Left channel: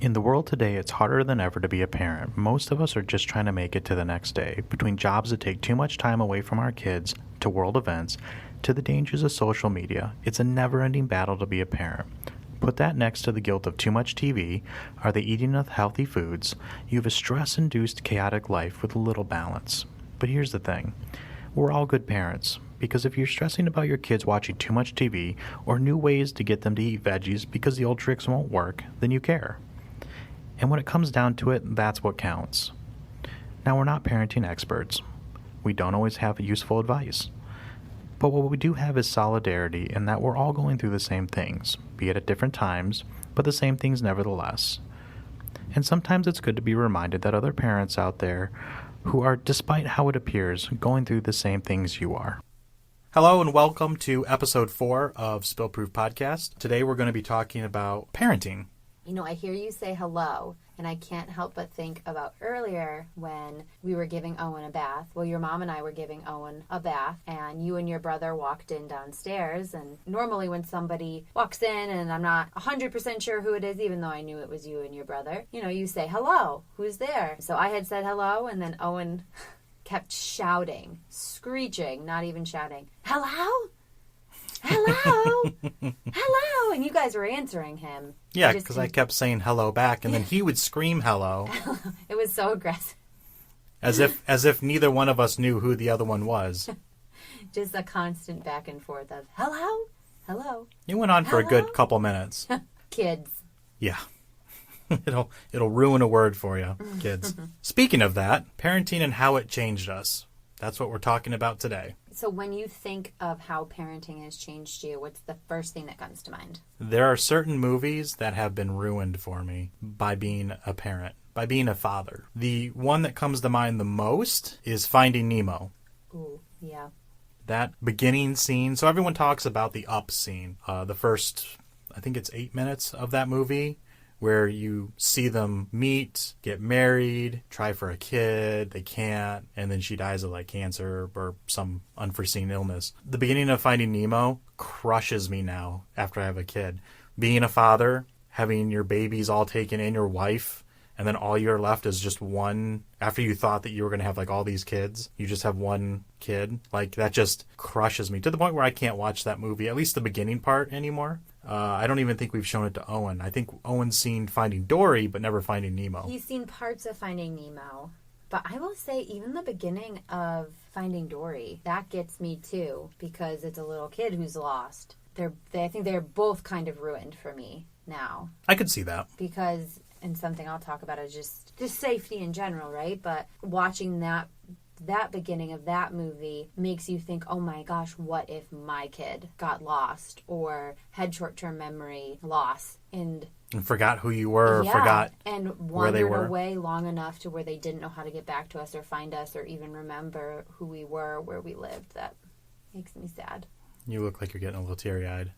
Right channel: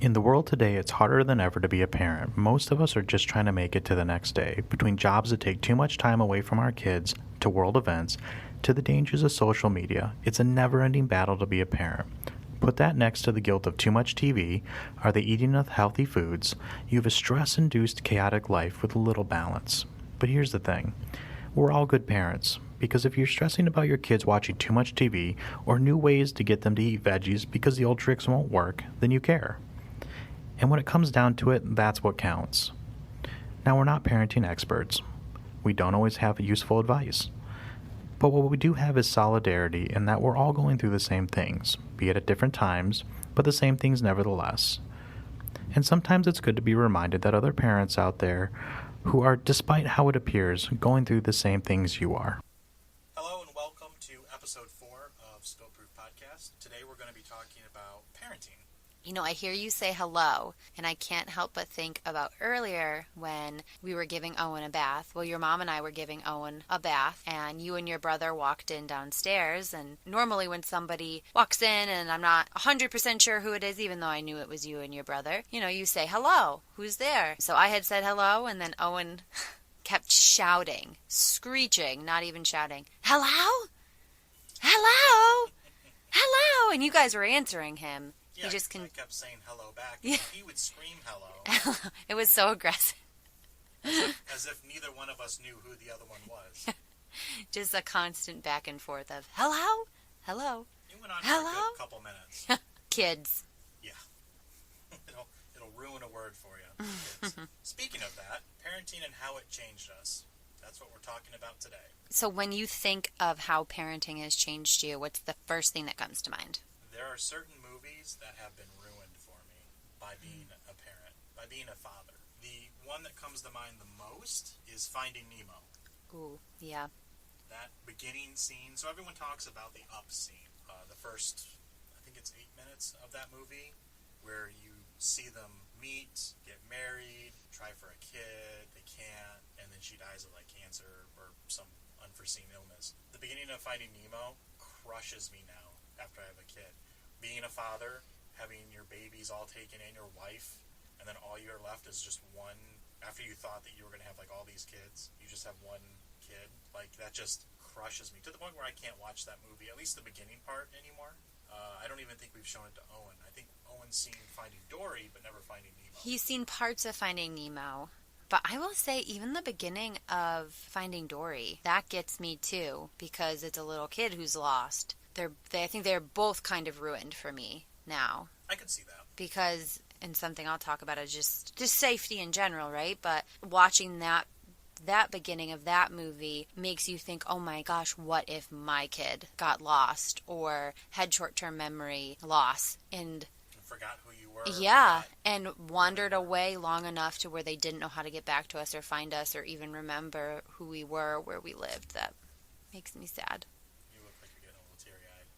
In the world today, it's harder than ever to be a parent. Most of us are just trying to make it to the next day. Between jobs that take too much time away from our kids, to world events, to the dangers of social media, it's a never-ending battle to be a parent. Put that next to the guilt of too much TV, are they eating enough healthy foods? You have a stress-induced chaotic life with little balance. But here's the thing. We're all good parents. Because if you're stressing about your kids watching too much TV or new ways to get them to eat veggies because the old tricks won't work, then you care. And when it comes down to it, that's what counts. Now, we're not parenting experts. We don't always have useful advice. But what we do have is solidarity in that we're all going through the same things, be it at different times, but the same things nevertheless. And sometimes it's good to be reminded that other parents out there who are, despite how it appears, going through the same things you are. Hello and welcome to episode 4 of Spillproof Podcast. Today we're going to be talking about parenting. You know, I hear you say hello, and I can't help but think about earlier when we were giving Owen a bath. Well, your mom and I were giving Owen a bath, and you and your brother walked in downstairs. And normally when somebody walks in, and I'm not 100% sure who it is, even though I knew it was you and your brother, you know, you say, hello, who's there? So I had said hello, and then Owen kept shouting, screeching, not even shouting, hello? Hello? Hello? And you guys were answering him. Yeah, because I kept saying hello back, and then he would scream hello. It was so aggressive. As if neither one of us knew who the other one was. Just a constant back and forth of, hello? Hello? It went on for a good couple minutes. Kids. Yeah. It'll ruin a word for you, kids. Speaking of that, parenting and how it changed us. That's what we're talking about today. So when you think of how parenting has changed you, what's the first thing that comes to mind? There are certain movies that have been ruined for me by being a parent, by being a father. The one that comes to mind the most is Finding Nemo. Ooh, yeah. That beginning scene. So everyone talks about the up scene. The first, I think it's 8 minutes of that movie, where you see them meet, get married, try for a kid, they can't, and then she dies of like cancer or some unforeseen illness. The beginning of Finding Nemo crushes me now after I have a kid. Being a father, having your babies all taken in, your wife, and then all you're left is just one. After you thought that you were going to have like all these kids, you just have one kid. Like that just crushes me to the point where I can't watch that movie, at least the beginning part, anymore. I don't even think we've shown it to Owen. I think Owen's seen Finding Dory, but never Finding Nemo. He's seen parts of Finding Nemo. But I will say, even the beginning of Finding Dory, that gets me too, because it's a little kid who's lost. I think they're both kind of ruined for me now. I could see that. Because, and something I'll talk about is just safety in general, right? But watching that beginning of that movie makes you think, oh my gosh, what if my kid got lost or had short-term memory loss and forgot who you were, and wandered away long enough to where they didn't know how to get back to us or find us or even remember who we were, where we lived. That makes me sad. You look like you're getting a little teary-eyed.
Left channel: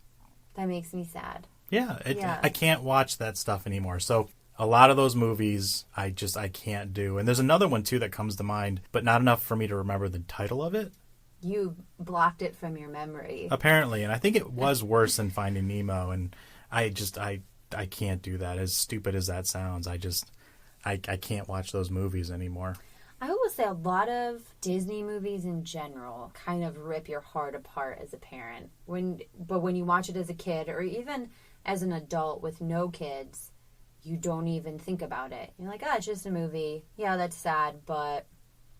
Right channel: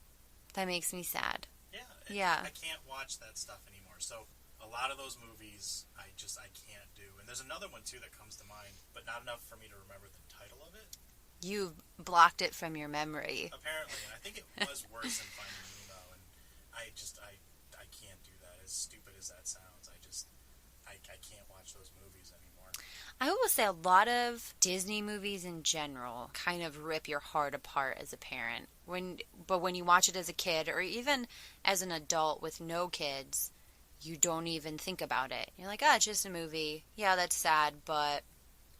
That makes me sad. Yeah. I can't watch that stuff anymore. So a lot of those movies I can't do. And there's another one too that comes to mind, but not enough for me to remember the title of it. You blocked it from your memory. Apparently, and I think it was worse than Finding Nemo, and I can't do that. As stupid as that sounds, I can't watch those movies anymore. I will say a lot of Disney movies in general kind of rip your heart apart as a parent. But when you watch it as a kid or even as an adult with no kids, you don't even think about it. You're like, it's just a movie. Yeah, that's sad, but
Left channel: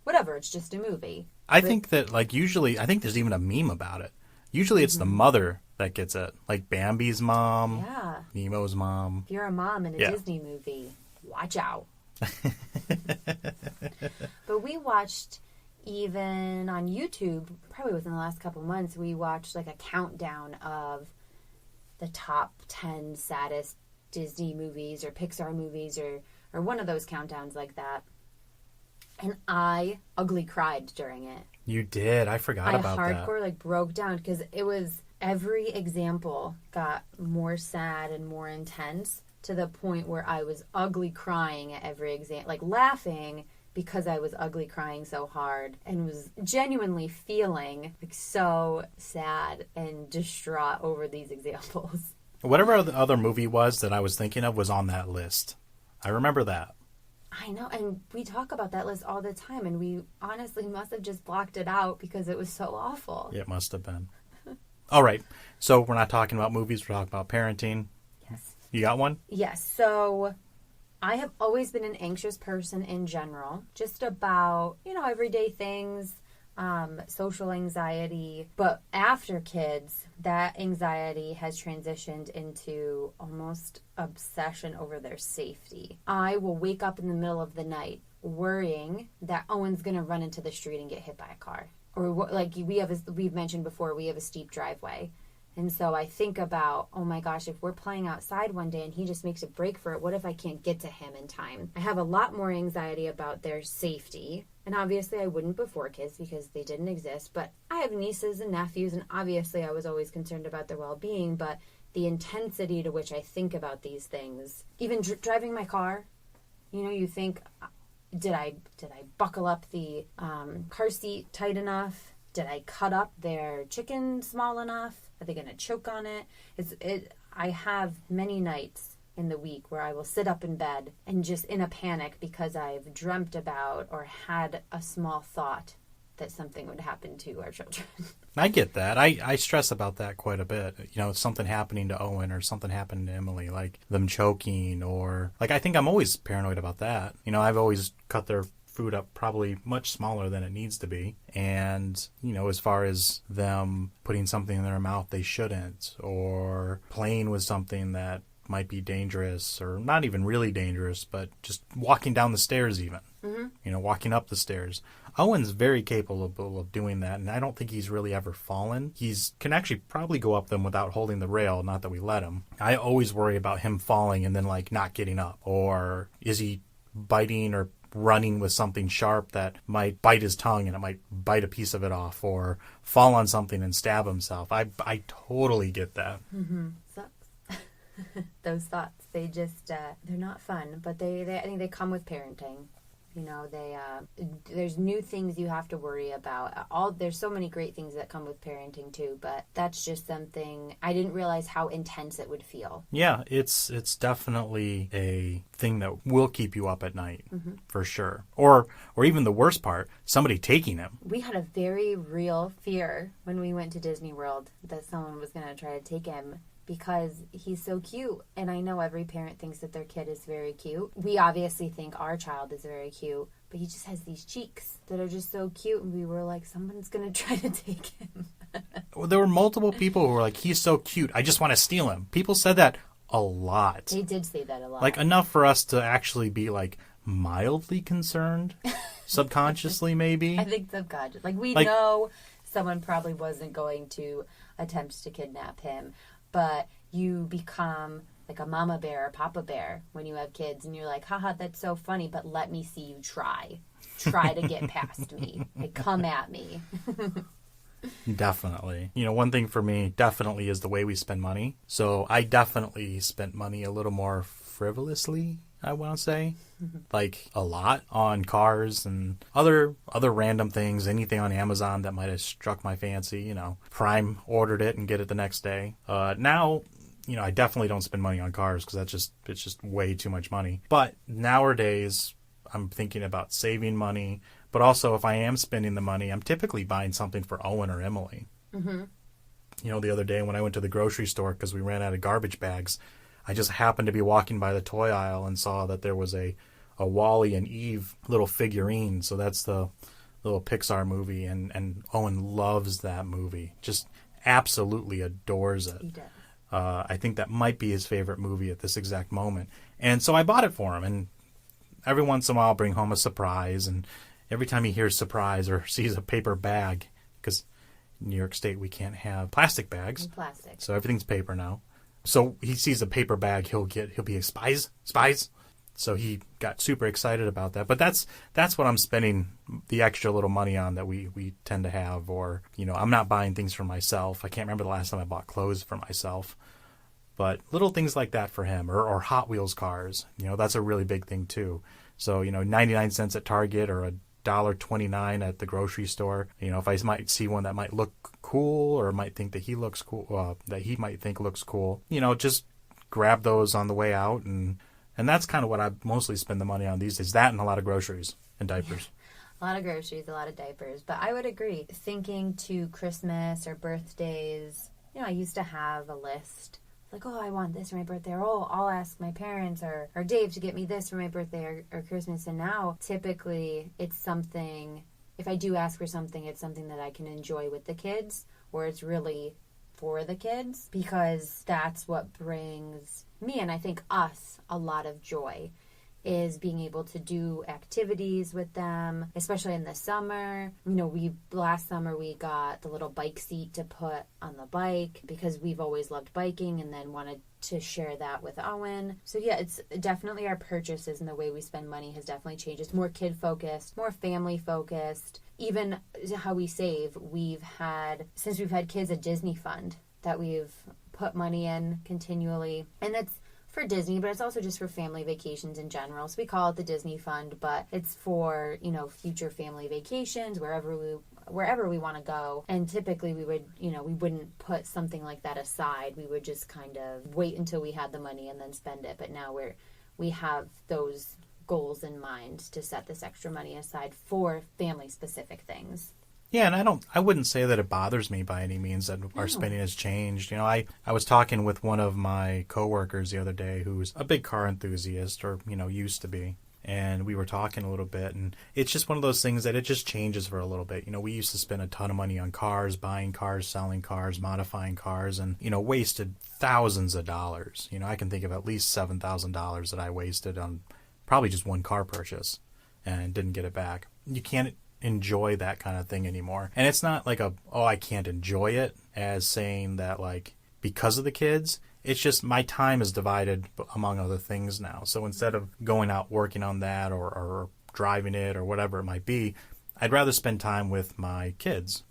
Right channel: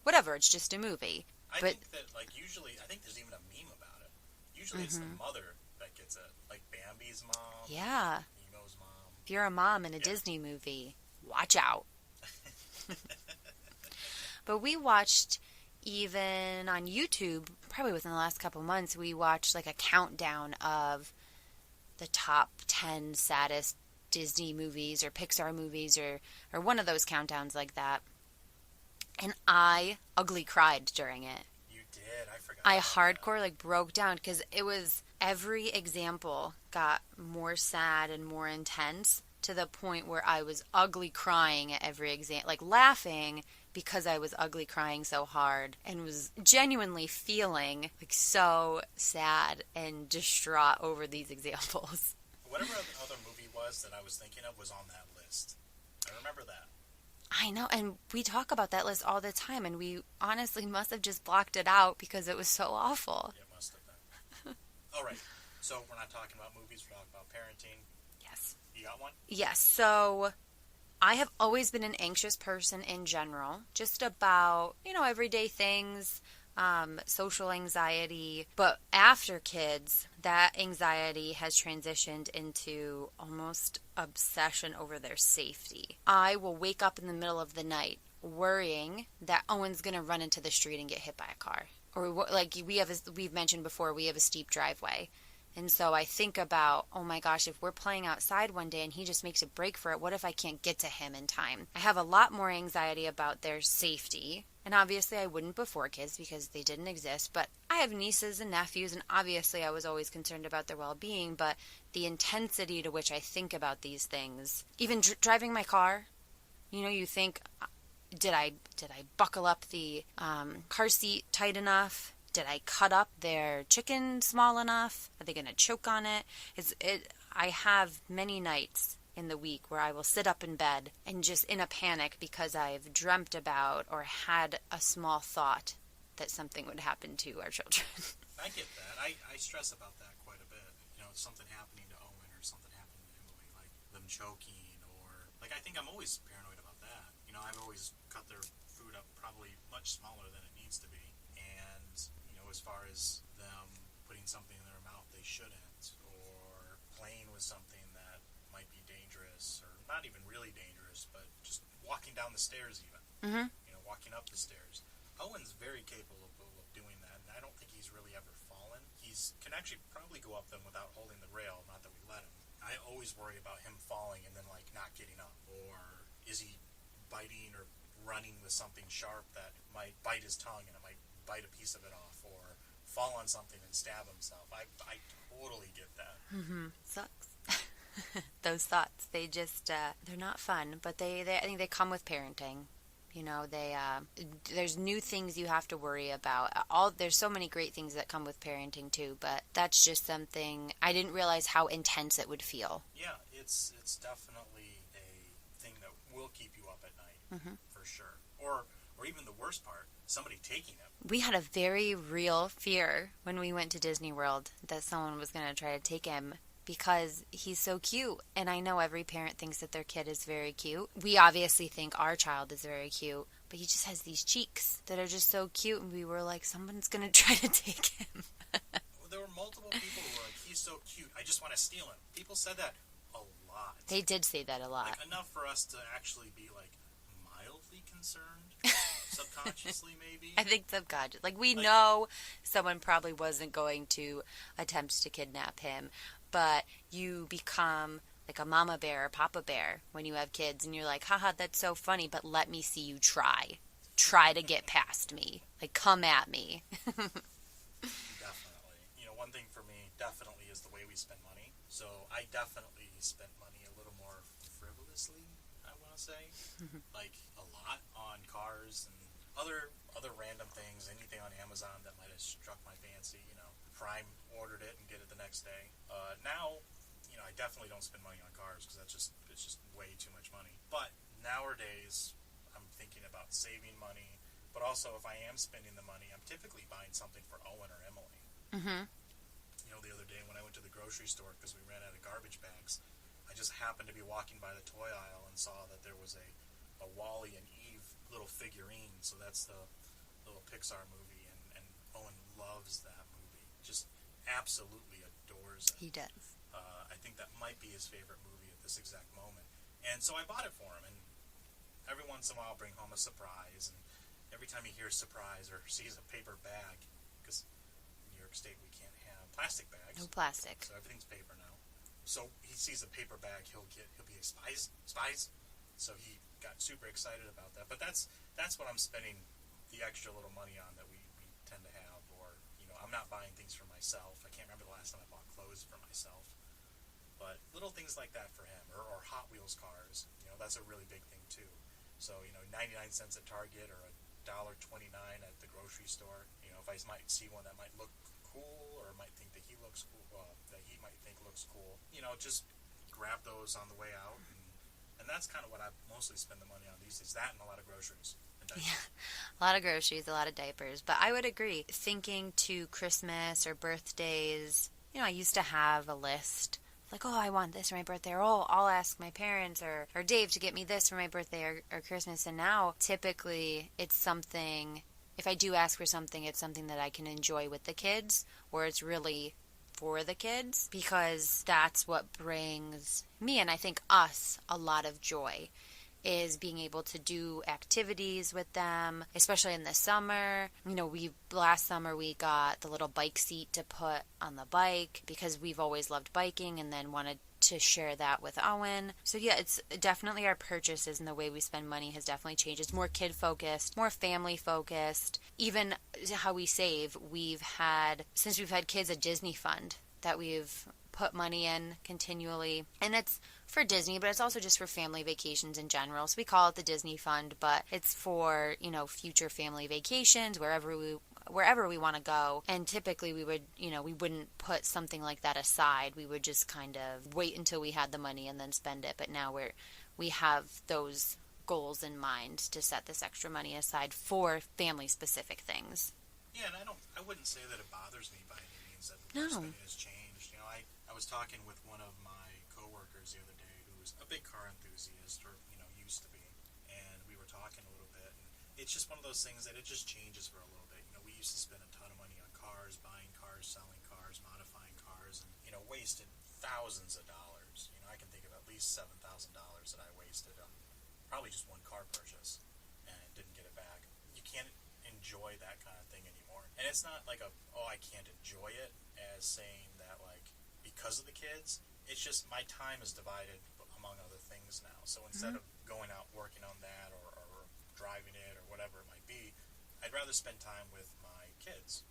whatever, it's just a movie. I think that, like, usually, I think there's even a meme about it. Usually it's the mother that gets it. Like Bambi's mom. Yeah. Nemo's mom. If you're a mom in a Disney movie, watch out. But we watched, even on YouTube, probably within the last couple months, we watched like a countdown of the top 10 saddest Disney movies or Pixar movies or one of those countdowns like that. And I ugly cried during it. You did. I forgot about that. I hardcore broke down because it was every example got more sad and more intense to the point where I was ugly crying at every example, laughing because I was ugly crying so hard and was genuinely feeling so sad and distraught over these examples. Whatever the other movie was that I was thinking of was on that list. I remember that. I know, and we talk about that list all the time, and we honestly must have just blocked it out because it was so awful. It must have been. All right. So we're not talking about movies. We're talking about parenting. Yes. You got one? Yes. So I have always been an anxious person in general, just about, everyday things, social anxiety. But after kids, that anxiety has transitioned into almost obsession over their safety. I will wake up in the middle of the night worrying that Owen's going to run into the street and get hit by a car. Or like we've mentioned before, we have a steep driveway. And so I think about, oh my gosh, if we're playing outside one day and he just makes a break for it, what if I can't get to him in time? I have a lot more anxiety about their safety. And obviously I wouldn't before kids because they didn't exist. But I have nieces and nephews, and obviously I was always concerned about their well-being. But the intensity to which I think about these things, even driving my car, you think, did I buckle up the car seat tight enough? Did I cut up their chicken small enough? Are they going to choke on it? I have many nights in the week where I will sit up in bed and just in a panic because I've dreamt about or had a small thought that something would happen to our children. I get that. I stress about that quite a bit. Something happening to Owen or something happening to Emily, like them choking or I think I'm always paranoid about that. I've always cut their food up probably much smaller than it needs to be. And, as far as them putting something in their mouth they shouldn't, or playing with something that might be dangerous or not even really dangerous, but just walking down the stairs even, walking up the stairs. Owen's very capable of doing that, and I don't think he's really ever fallen. Can actually probably go up them without holding the rail, not that we let him. I always worry about him falling and then not getting up, or is he biting or running with something sharp that might bite his tongue and it might bite a piece of it off, or fall on something and stab himself. I totally get that. Sucks. Those thoughts, they just they're not fun, but they I think they come with parenting. There's new things you have to worry about. There's so many great things that come with parenting too, but that's just something I didn't realize how intense it would feel. Yeah, it's definitely a thing that will keep you up at night, for sure. Or even the worst part, somebody taking him. We had a very real fear when we went to Disney World that someone was going to try to take him, because he's so cute. And I know every parent thinks that their kid is very cute. We obviously think our child is very cute, but he just has these cheeks that are just so cute. And we were like, someone's going to try to take him. Well, there were multiple people who were like, he's so cute, I just want to steal him. People said that a lot. They did say that a lot. Enough for us to actually be mildly concerned. Subconsciously, maybe. I think subconscious. We know someone probably wasn't going to attempt to kidnap him. But you become like a mama bear or papa bear when you have kids, and you're like, haha, that's so funny, but let me see you try. Try to get past me. Come at me. Definitely. One thing for me definitely is the way we spend money. So I definitely spent money a little more frivolously, I want to say. A lot on cars and other random things, anything on Amazon that might have struck my fancy. Prime ordered it and get it the next day. Now, I definitely don't spend money on cars because it's just way too much money. But nowadays, I'm thinking about saving money. But also, if I am spending the money, I'm typically buying something for Owen or Emily. The other day when I went to the grocery store because we ran out of garbage bags, I just happened to be walking by the toy aisle and saw that there was a Wall-E and Eve little figurine. So that's the little Pixar movie, and Owen loves that movie. Just absolutely adores it. He does. I think that might be his favorite movie at this exact moment. And so I bought it for him, and every once in a while I'll bring home a surprise, and every time he hears surprise or sees a paper bag, because in New York State we can't have plastic bags. Plastic. So everything's paper now. So he sees a paper bag, he'll be like, spies. So he got super excited about that. But that's what I'm spending the extra little money on that we tend to have. Or, I'm not buying things for myself. I can't remember the last time I bought clothes for myself. But little things like that for him, or Hot Wheels cars. That's a really big thing too. So, 99 cents at Target or $1.29 at the grocery store. If I might see one that might look cool or might think that he looks cool, that he might think looks cool, just grab those on the way out and And that's kind of what I mostly spend the money on these days. That and a lot of groceries and diapers. A lot of groceries, a lot of diapers. But I would agree. Thinking to Christmas or birthdays, I used to have a list. Like, oh, I want this for my birthday. Or, oh, I'll ask my parents or Dave to get me this for my birthday or Christmas. And now, typically, it's something, if I do ask for something, it's something that I can enjoy with the kids. Or it's really for the kids. Because that's what brings me, and I think us, a lot of joy. Is being able to do activities with them, especially in the summer. Last summer we got the little bike seat to put on the bike because we've always loved biking and then wanted to share that with Owen. So yeah, it's definitely our purchases and the way we spend money has definitely changed. It's more kid focused, more family focused. Even how we save, since we've had kids, a Disney fund that we've put money in continually. And it's for Disney, but it's also just for family vacations in general. So we call it the Disney Fund, but it's for, future family vacations, wherever we want to go. And typically we wouldn't put something like that aside. We would just kind of wait until we had the money and then spend it. But now we have those goals in mind to set this extra money aside for family specific things. Yeah, and I wouldn't say that it bothers me by any means that our spending has changed. I was talking with one of my coworkers the other day who's a big car enthusiast, or, used to be. And we were talking a little bit, and it's just one of those things that it just changes for a little bit. We used to spend a ton of money on cars, buying cars, selling cars, modifying cars, and, wasted thousands of dollars. I can think of at least $7,000 that I wasted on probably just one car purchase and didn't get it back. You can't enjoy that kind of thing anymore. And it's not like I can't enjoy it as saying that because of the kids. It's just my time is divided among other things now. So instead of going out working on that or driving it or whatever it might be, I'd rather spend time with my kids,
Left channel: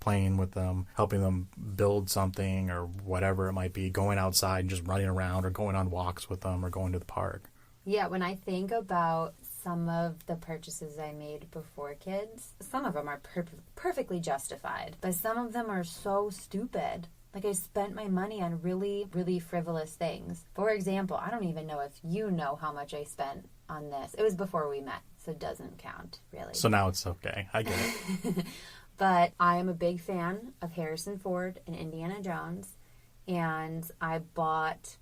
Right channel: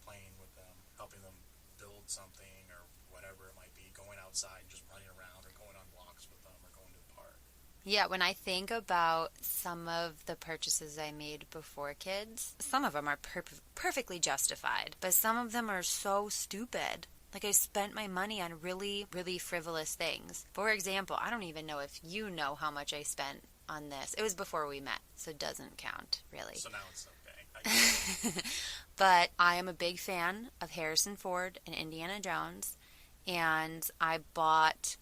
playing with them, helping them build something or whatever it might be, going outside and just running around or going on walks with them or going to the park. Yeah, when I think about some of the purchases I made before kids, some of them are perfectly justified, but some of them are so stupid. I spent my money on really, really frivolous things. For example, I don't even know if you know how much I spent on this. It was before we met, so it doesn't count, really. So now it's okay. I get it. But I am a big fan of Harrison Ford and Indiana Jones, and I bought...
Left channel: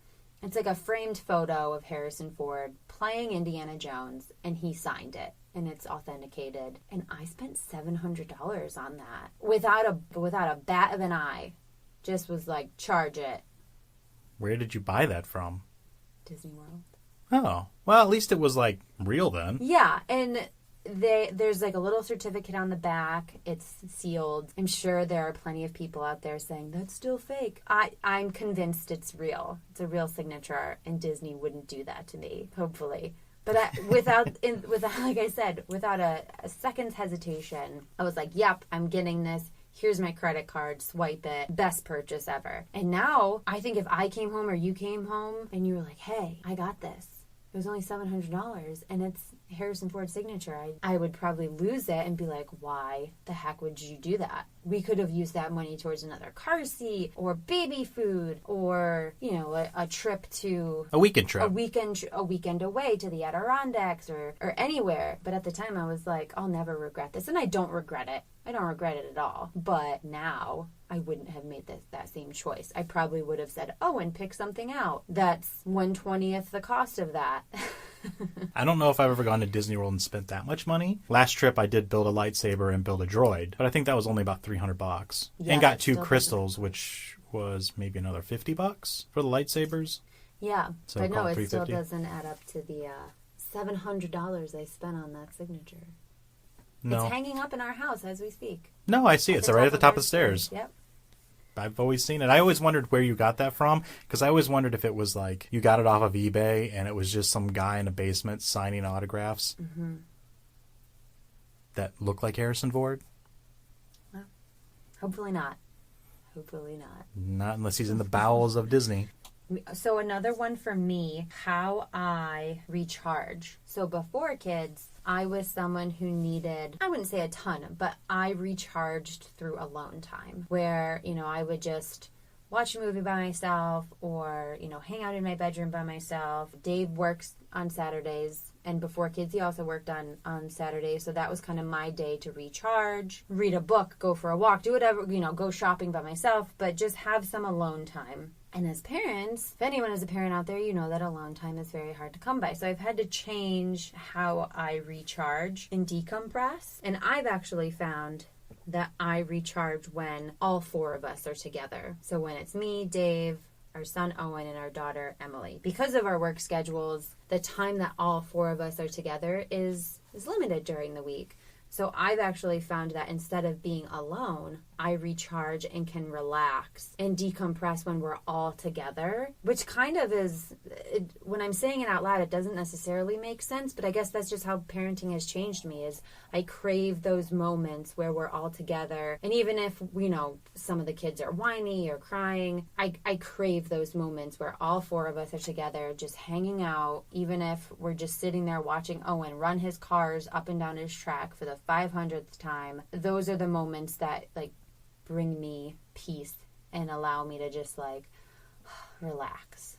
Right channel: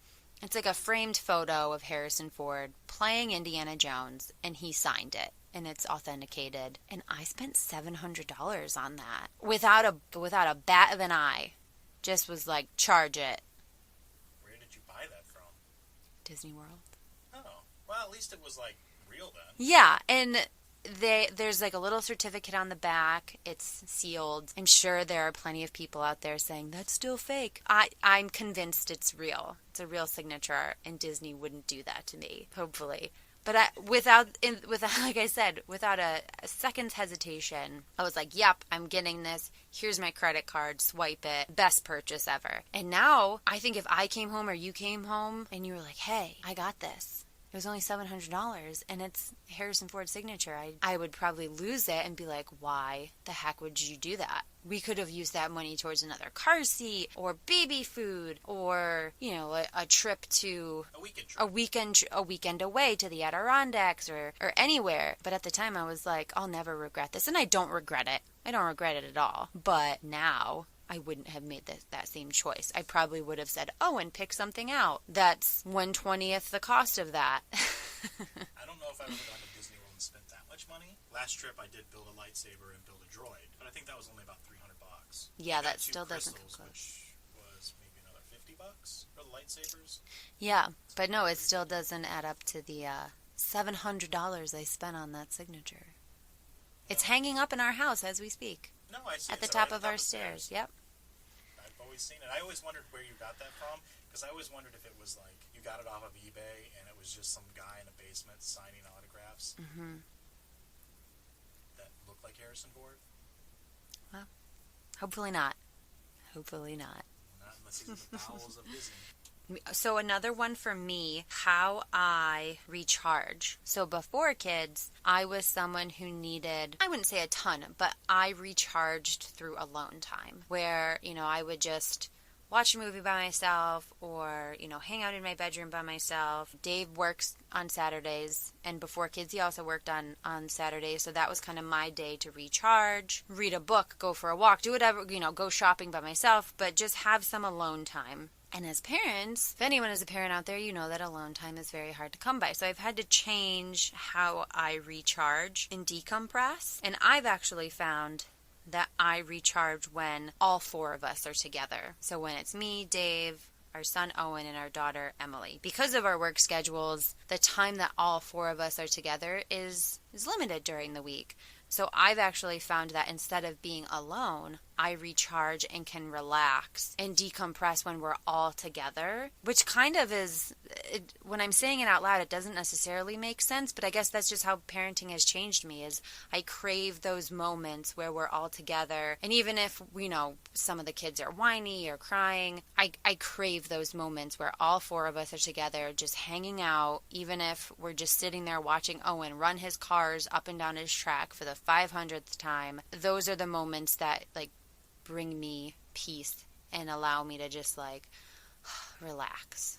It's like a framed photo of Harrison Ford playing Indiana Jones, and he signed it, and it's authenticated. And I spent $700 on that without a bat of an eye. Just was like, charge it. Where did you buy that from? Disney World. Oh, well, at least it was real then. Yeah, and there's a little certificate on the back. It's sealed. I'm sure there are plenty of people out there saying that's still fake. I'm convinced it's real. It's a real signature, and Disney wouldn't do that to me, hopefully. But without like I said, without a second's hesitation, I was like, yep, I'm getting this. Here's my credit card, swipe it. Best purchase ever. And now I think if I came home or you came home and you were like, hey, I got this. It was only $700 and it's Harrison Ford's signature. I would probably lose it and be like, why the heck would you do that? We could have used that money towards another car seat or baby food or, a trip to... A weekend trip. A weekend away to the Adirondacks or anywhere. But at the time I was like, I'll never regret this. And I don't regret it. I don't regret it at all. But now I wouldn't have made that same choice. I probably would have said, and pick something out. That's 1/20th the cost of that. I don't know if I've ever gone to Disney World and spent that much money. Last trip I did build a lightsaber and build a droid, but I think that was only about $300. Yeah, and got 2 crystals, which was maybe another $50 for the lightsabers. Yeah, So but no, it still $350. doesn't add up to the $700 I spent on that signature. No. It's hanging up in our house as we speak. No, I see it. It's right at the top of the stairs. Yep. I've always seen it. I always wondered where you got that from, because I always wondered if it was you got it off of eBay and it was just some guy in a basement signing autographs that looked like Harrison Ford. Well, hopefully not. Hopefully not. Not unless he's in the bowels of Disney. So another one for me, how I recharge. So before kids, I was someone who needed, I wouldn't say a ton, but I recharged through alone time where, I would just watch a movie by myself or, hang out in my bedroom by myself. Dave works on Saturdays, and before kids, he also worked on Saturdays. So that was kind of my day to recharge, read a book, go for a walk, do whatever, go shopping by myself, but just have some alone time. And as parents, if anyone is a parent out there, you know that alone time is very hard to come by. So I've had to change how I recharge and decompress. And I've actually found that I recharge when all four of us are together. So when it's me, Dave, our son Owen, and our daughter Emily. Because of our work schedules, the time that all four of us are together is limited during the week. So I've actually found that instead of being alone, I recharge and can relax and decompress when we're all together, which kind of is, when I'm saying it out loud, it doesn't necessarily make sense, but I guess that's just how parenting has changed me, is I crave those moments where we're all together. And even if, some of the kids are whiny or crying, I crave those moments where all four of us are together, just hanging out, even if we're just sitting there watching Owen run his cars up and down his track for the 500th time. Those are the moments that, bring me peace and allow me to just relax.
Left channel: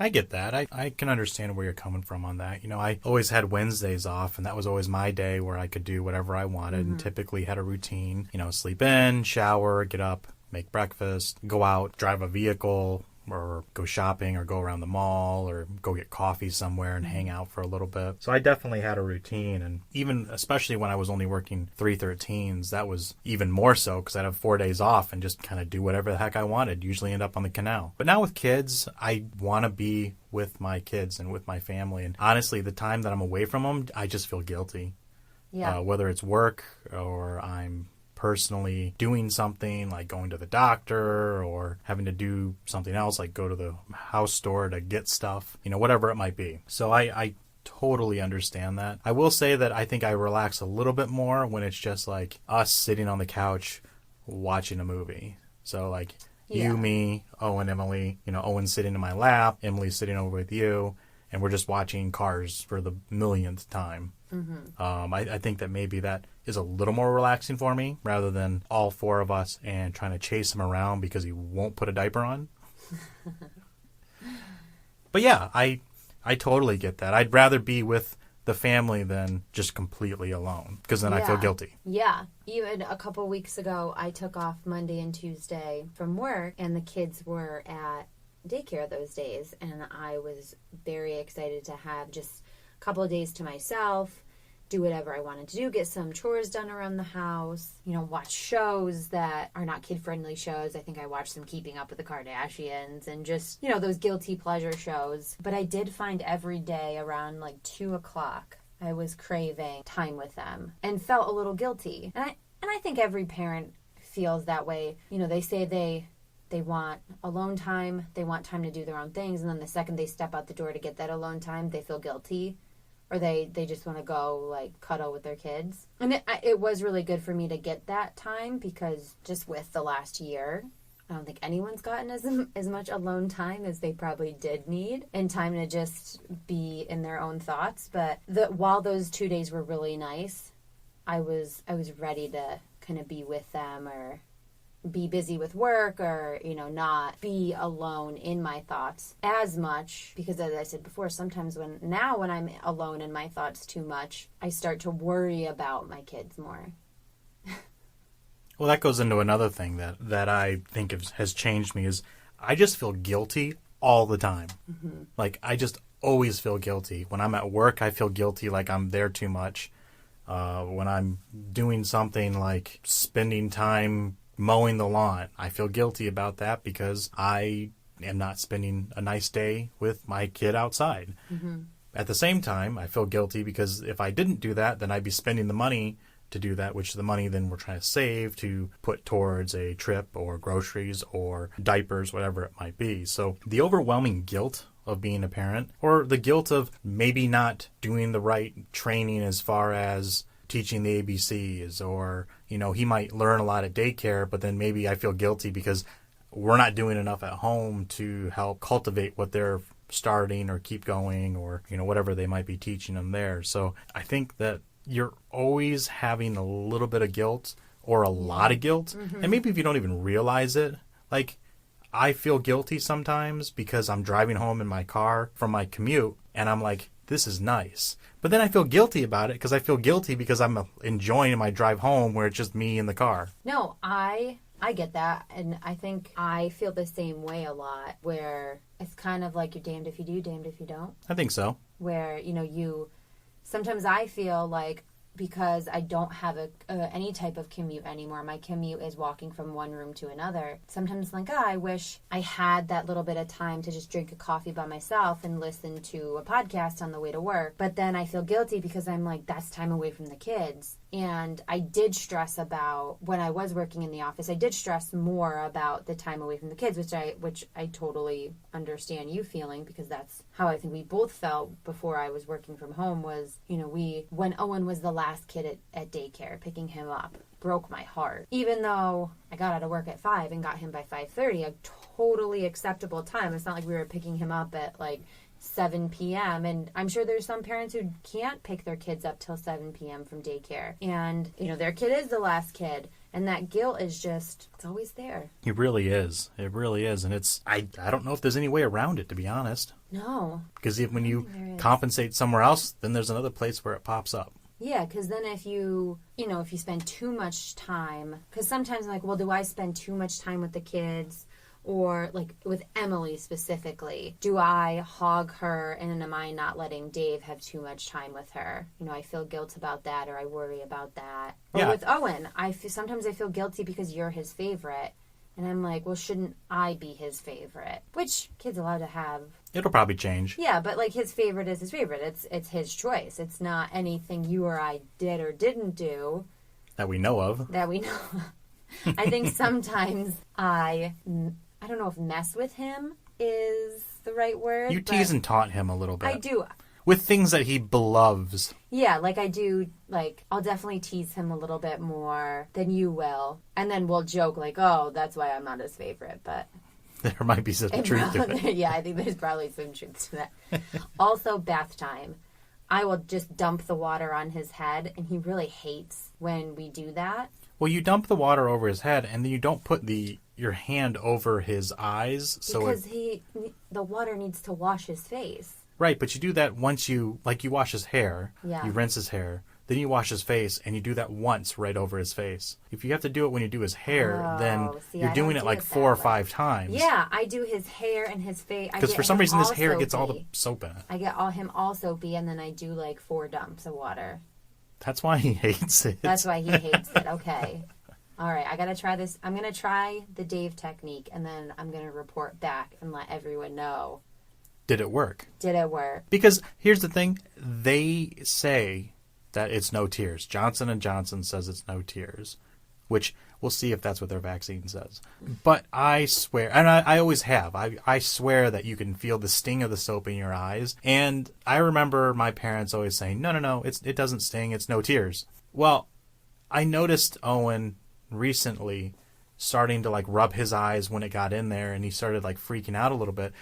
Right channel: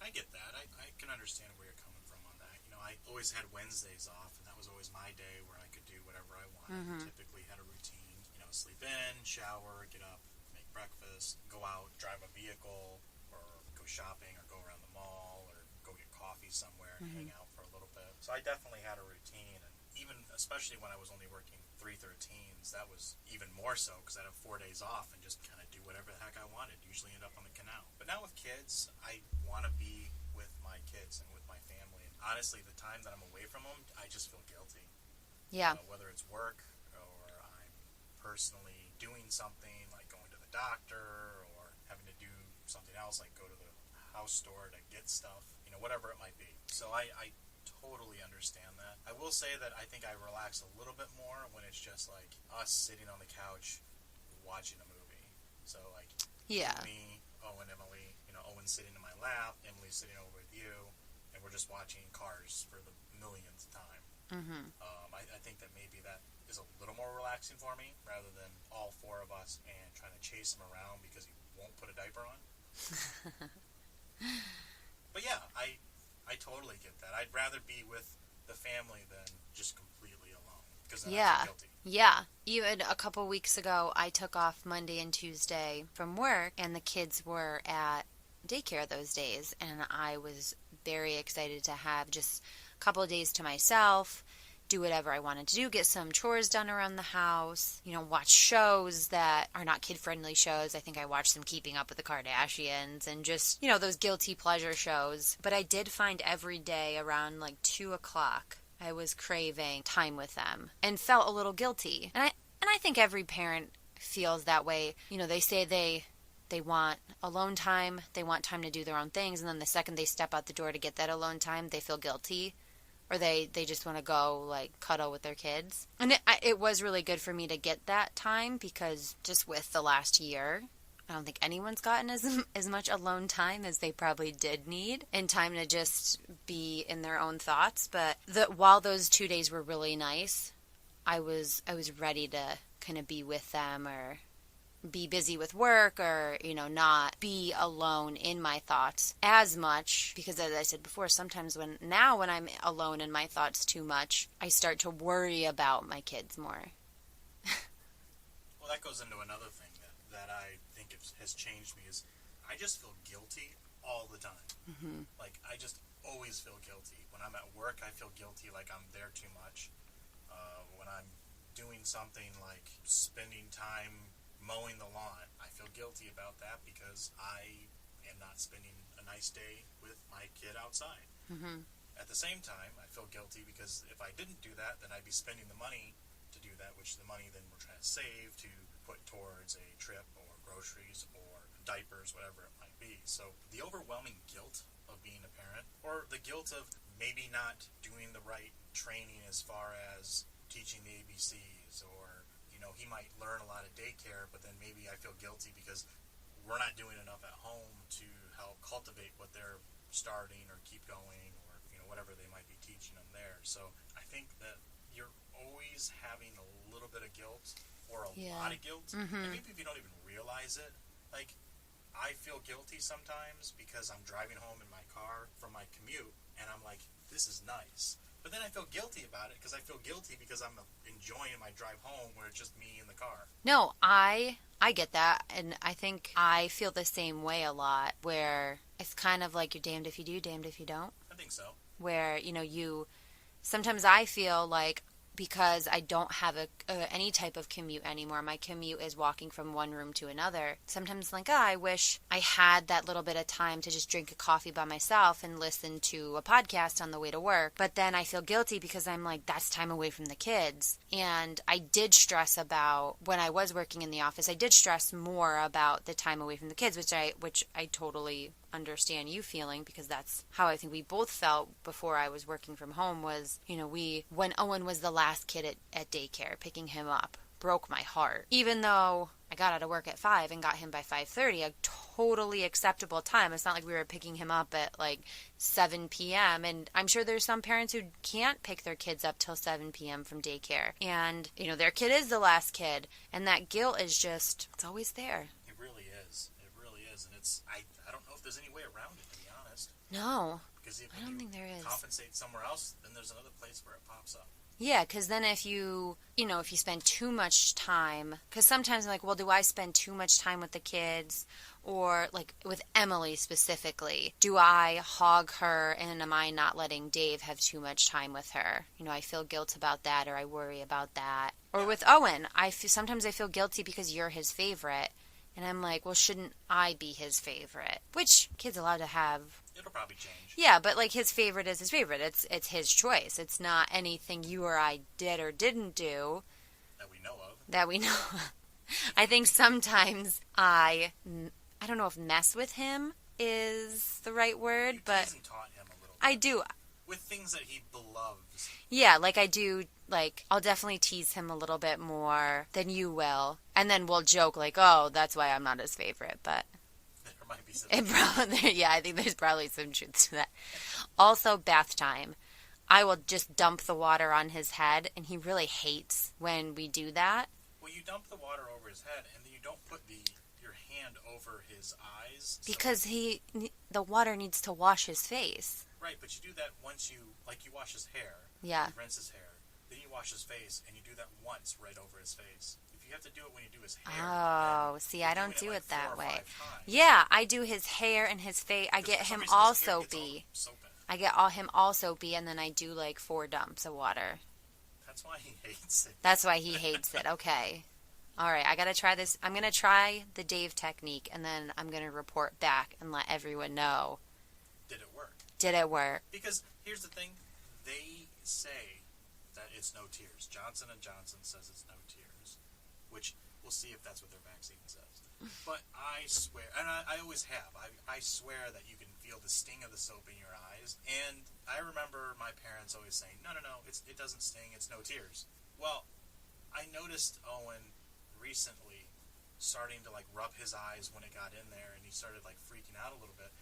I get that. I can understand where you're coming from on that. I always had Wednesdays off, and that was always my day where I could do whatever I wanted, and typically had a routine, sleep in, shower, get up, make breakfast, go out, drive a vehicle, or go shopping, or go around the mall, or go get coffee somewhere and hang out for a little bit. So I definitely had a routine, and even especially when I was only working 313s, that was even more so because I'd have 4 days off and just kind of do whatever the heck I wanted, usually end up on the canal. But now with kids, I want to be with my kids and with my family, and honestly, the time that I'm away from them, I just feel guilty. Yeah. Whether it's work or I'm personally doing something like going to the doctor or having to do something else like go to the house store to get stuff, whatever it might be. So I totally understand that. I will say that I think I relax a little bit more when it's just like us sitting on the couch watching a movie. So you, me, Owen, Emily, Owen sitting in my lap, Emily sitting over with you, and we're just watching Cars for the millionth time. I think that maybe that is a little more relaxing for me rather than all four of us and trying to chase him around because he won't put a diaper on. But yeah, I totally get that. I'd rather be with the family than just completely alone because then I feel guilty. Yeah. Even a couple weeks ago, I took off Monday and Tuesday from work, and the kids were at daycare those days, and I was very excited to have just a couple of days to myself, do whatever I wanted to do, get some chores done around the house, watch shows that are not kid-friendly shows. I think I watched some Keeping Up with the Kardashians and just, those guilty pleasure shows. But I did find every day around 2 o'clock, I was craving time with them and felt a little guilty. And I think every parent feels that way. They say they want alone time, they want time to do their own things, and then the second they step out the door to get that alone time, they feel guilty. Or they just want to go cuddle with their kids. And it was really good for me to get that time because just with the last year, I don't think anyone's gotten as much alone time as they probably did need, and time to just be in their own thoughts. But while those 2 days were really nice, I was ready to kind of be with them or be busy with work or, not be alone in my thoughts as much. Because as I said before, sometimes when I'm alone in my thoughts too much, I start to worry about my kids more. Well, that goes into another thing that I think has changed me is I just feel guilty all the time. I just always feel guilty. When I'm at work, I feel guilty like I'm there too much. When I'm doing something like spending time mowing the lawn, I feel guilty about that because I am not spending a nice day with my kid outside. At the same time, I feel guilty because if I didn't do that, then I'd be spending the money to do that, which the money then we're trying to save to put towards a trip or groceries or diapers, whatever it might be. So the overwhelming guilt of being a parent, or the guilt of maybe not doing the right training as far as teaching the ABCs, or he might learn a lot at daycare, but then maybe I feel guilty because we're not doing enough at home to help cultivate what they're starting or keep going, or whatever they might be teaching them there. So I think that you're always having a little bit of guilt or a lot of guilt, and maybe if you don't even realize it, I feel guilty sometimes because I'm driving home in my car from my commute and I'm like, this is nice. But then I feel guilty about it because I feel guilty because I'm enjoying my drive home where it's just me in the car. No, I get that, and I think I feel the same way a lot, where it's kind of like you're damned if you do, damned if you don't. I think so. Where, sometimes I feel like because I don't have any type of commute anymore, my commute is walking from one room to another. Sometimes like, I wish I had that little bit of time to just drink a coffee by myself and listen to a podcast on the way to work. But then I feel guilty because I'm like, that's time away from the kids. And I did stress about, when I was working in the office, I did stress more about the time away from the kids, which I totally understand you feeling, because that's how I think we both felt before I was working from home. Was, when Owen was the last kid at daycare, picking him up broke my heart. Even though I got out of work at 5 and got him by 5:30, a totally acceptable time. It's not like we were picking him up at like 7 p.m. And I'm sure there's some parents who can't pick their kids up till 7 p.m. from daycare. And, their kid is the last kid. And that guilt is just, it's always there. It really is. It really is. And I don't know if there's any way around it, to be honest. No. Because when you compensate somewhere else, then there's another place where it pops up. Yeah, because then if you spend too much time, because sometimes I'm like, well, do I spend too much time with the kids? Or like with Emily specifically, do I hog her and am I not letting Dave have too much time with her? I feel guilt about that, or I worry about that. Or with Owen, sometimes I feel guilty because you're his favorite. And I'm like, well, shouldn't I be his favorite? Which kid's allowed to have. It'll probably change. Yeah, but like his favorite is his favorite. It's his choice. It's not anything you or I did or didn't do. That we know of. I think sometimes I don't know if mess with him is the right word. You tease and taunt him a little bit. I do. With things that he loves. Yeah, like I do, like, I'll definitely tease him a little bit more than you will. And then we'll joke, like, oh, that's why I'm not his favorite, but... There might be some truth to it. Yeah, I think there's probably some truth to that. Also, bath time. I will just dump the water on his head, and he really hates when we do that. Well, you dump the water over his head, and then you don't put your hand over his eyes. Because the water needs to wash his face. Right, but you do that once you wash his hair. Yeah. You rinse his hair. Then you wash his face, and you do that once right over his face. If you have to do it when you do his hair, then you're doing it like 4 or 5 times. Yeah, I do his hair and his face. Because for some reason his hair gets all the soap in it. I get him all soapy, and then I do like 4 dumps of water. That's why he hates it. That's why he hates it. Okay. All right, I got to try this. I'm going to try the Dave technique, and then I'm going to report back and let everyone know. Did it work? Did it work? Because here's the thing. They say that it's no tears. Johnson & Johnson says it's no tears, which we'll see if that's what their vaccine says. But I swear, and I always have, I swear that you can feel the sting of the soap in your eyes. And I remember my parents always saying, no, it doesn't sting. It's no tears. Well, I noticed Owen recently starting to like rub his eyes when it got in there, and he started like freaking out a little bit.